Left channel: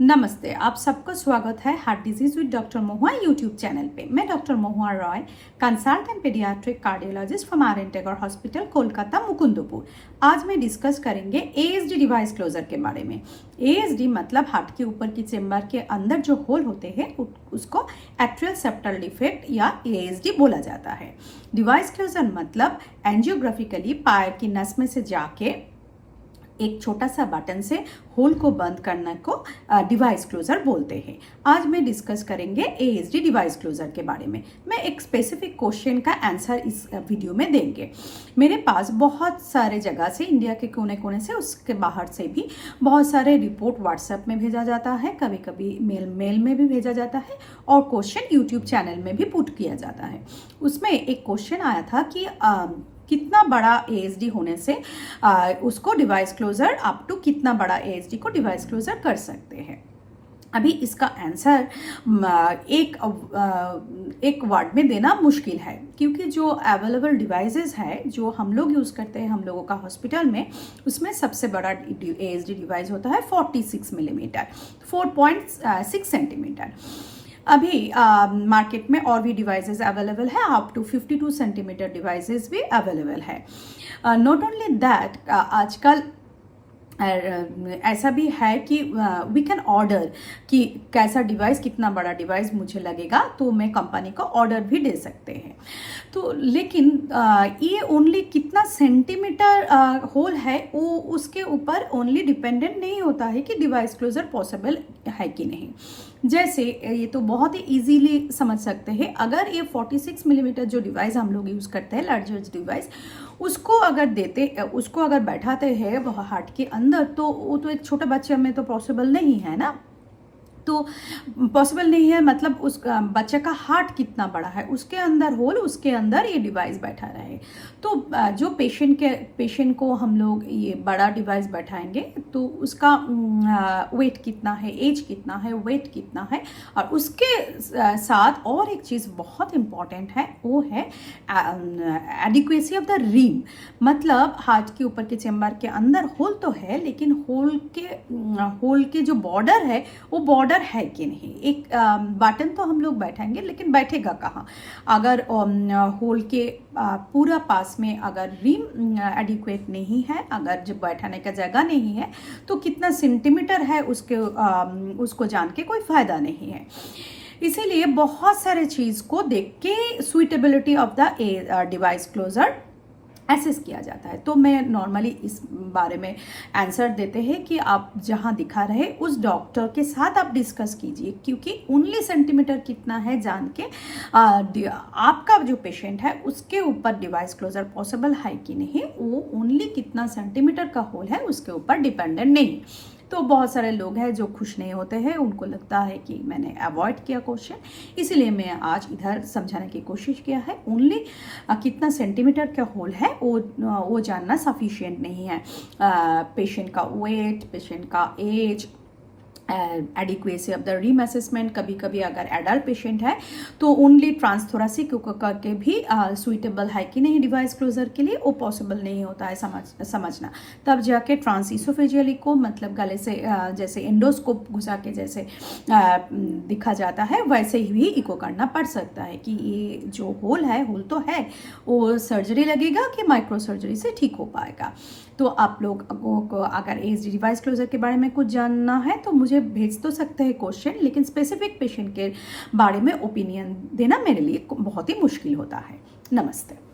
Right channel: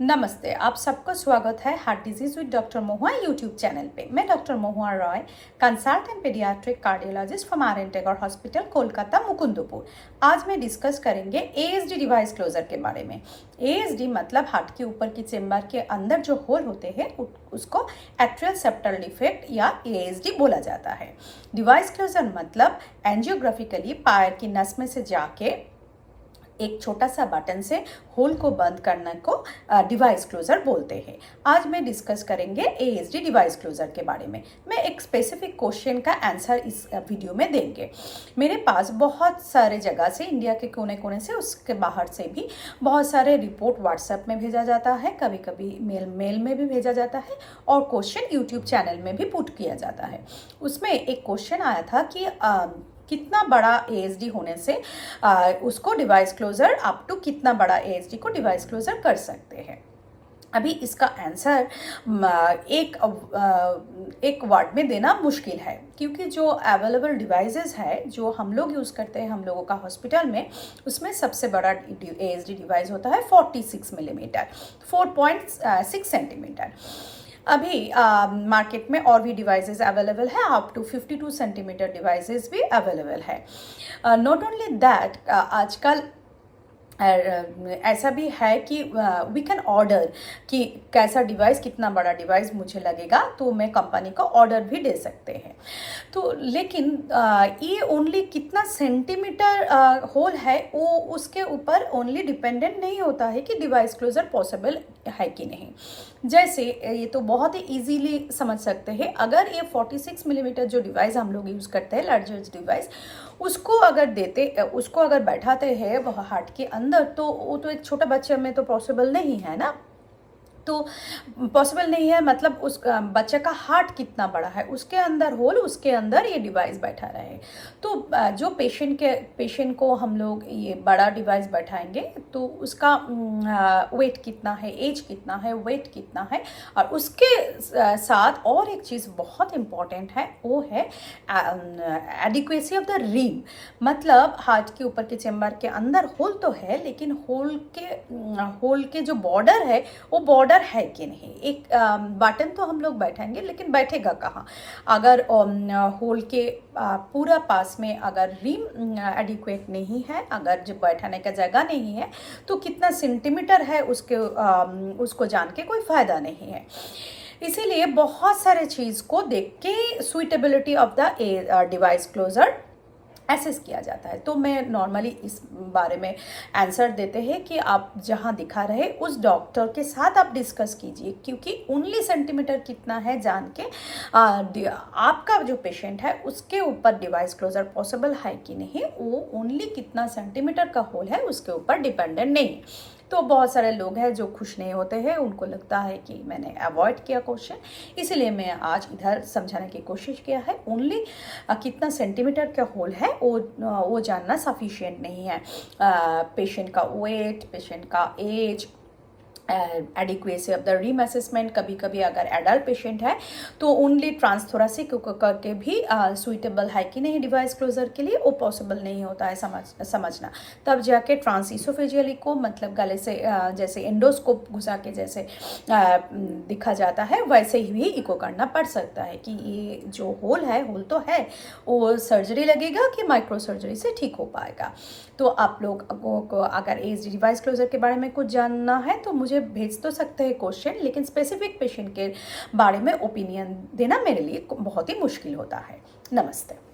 नमस्ते, आप सबका स्वागत है heart disease with doctor Mahua YouTube channel पे। मैं doctor Mahua Roy, consultant paediatric cardiologist from R N Tagore hospital, Kolkata, Mukundpur. आज मैं डिस्कस करेंगे एएसडी डिवाइस क्लोजर के बारे में। एएसडी मतलब हार्ट के ऊपर की चेम्बर के अंदर जो होल होते हैं उसको एट्रियल सेप्टल डिफेक्ट या एएसडी बोला जाता है। डिवाइस क्लोजर मतलब एंजियोग्राफिकली पैर की नस में से जाके एक छोटा सा बटन से होल को बंद करने को डिवाइस क्लोजर बोलते हैं। आज मैं डिस्कस करेंगे एएसडी डिवाइस क्लोजर के बारे में। मैं एक स्पेसिफिक क्वेश्चन का आंसर इस वीडियो में देंगे। मेरे पास बहुत सारे जगह से, इंडिया के कोने कोने से, उसके बाहर से भी बहुत सारे रिपोर्ट व्हाट्सएप में भेजा जाता है, कभी कभी मेल में भी भेजा जाता है और क्वेश्चन यूट्यूब चैनल में भी पुट किया जाता है। उसमें एक क्वेश्चन आया था कि कितना बड़ा एएसडी होने से उसको डिवाइस क्लोजर अप टू कितना बड़ा एएसडी को डिवाइस क्लोजर कर सकते हैं। अभी इसका आंसर एक वर्ड में देना मुश्किल है, क्योंकि जो अवेलेबल डिवाइसेस है जो हम लोग यूज़ करते हैं हम लोगों का हॉस्पिटल में, उसमें सबसे बड़ा एएसडी डिवाइस होता है 46 मिलीमीटर, 4.6 सेंटीमीटर। अभी मार्केट में और भी डिवाइसेस अवेलेबल है, अप टू 52 सेंटीमीटर डिवाइसेस भी अवेलेबल है। नॉट ओनली दैट, आजकल ऐसा भी है कि वी कैन ऑर्डर कि कैसा डिवाइस, कितना बड़ा डिवाइस मुझे लगेगा, तो मैं कंपनी को ऑर्डर भी दे सकते हैं। तो लेकिन ये ओनली कितना सेंटीमीटर होल है वो उसके ऊपर ओनली डिपेंडेंट नहीं होता है कि डिवाइस क्लोजर पॉसिबल है कि नहीं। जैसे ये तो बहुत ही इजीली समझ सकते हैं, अगर ये 46 मिलीमीटर जो डिवाइस हम लोग यूज़ करते हैं, लार्जेस्ट डिवाइस, उसको अगर बैठाते हैं वो हार्ट के अंदर, तो वो तो एक छोटा बच्चे में तो पॉसिबल नहीं है ना। तो पॉसिबल नहीं है मतलब उस बच्चे का हार्ट कितना बड़ा है, उसके अंदर होल, उसके अंदर ये डिवाइस बैठा रहे। तो जो पेशेंट को हम लोग ये बड़ा डिवाइस बैठाएंगे तो उसका वेट कितना है, एज कितना है, वेट कितना है, और उसके साथ और एक चीज़ बहुत इम्पॉर्टेंट है, वो है एडिक्वेसी ऑफ द रिम। मतलब हार्ट के ऊपर के चेम्बर के अंदर होल तो है, लेकिन होल के जो बॉर्डर है वो बॉर्डर है कि नहीं। एक बटन तो हम लोग बैठाएंगे, लेकिन बैठेगा कहाँ? अगर होल के पूरा पास में अगर रिम एडिक्वेट नहीं है, अगर जो बैठाने का जगह नहीं है, तो कितना सेंटीमीटर है उसको जान के कोई फायदा नहीं है। इसीलिए बहुत सारे चीज़ को देख के suitability of the device closure assess किया जाता है। तो मैं नॉर्मली इस बारे में आंसर देते हैं कि आप जहां दिखा रहे उस डॉक्टर के साथ आप डिस्कस कीजिए, क्योंकि ओनली सेंटीमीटर कितना है जान के आपका जो पेशेंट है उसके ऊपर डिवाइस क्लोजर पॉसिबल है कि नहीं, वो ओनली कितना सेंटीमीटर का होल है उसके ऊपर डिपेंडेंट नहीं। तो बहुत सारे लोग हैं जो खुश नहीं होते हैं, उनको लगता है कि मैंने अवॉइड किया क्वेश्चन, इसीलिए मैं आज इधर समझाने की कोशिश किया है। ओनली कितना सेंटीमीटर का होल है वो जानना सफिशिएंट नहीं है। पेशेंट का वेट, पेशेंट का age, adequacy of the rim assessment, कभी कभी अगर एडल्ट पेशेंट है तो ओनली ट्रांसथोरेसिक करके भी सुइटेबल है कि नहीं डिवाइस क्लोजर के लिए, वो पॉसिबल नहीं होता है समझना। तब जाके ट्रांसइसोफेजियल इको, मतलब गले से जैसे एंडोस्कोप घुसा के जैसे दिखा जाता है, वैसे ही इको करना पड़ सकता है कि ये जो होल तो है, वो सर्जरी लगेगा कि माइक्रो सर्जरी से ठीक हो पाएगा। तो आप लोग को अगर एएसडी डिवाइस क्लोजर के बारे में कुछ जानना है तो मुझे भेज तो सकते हैं क्वेश्चन, लेकिन स्पेसिफिक पेशेंट के बारे में ओपिनियन देना मेरे लिए बहुत ही मुश्किल होता है। नमस्ते।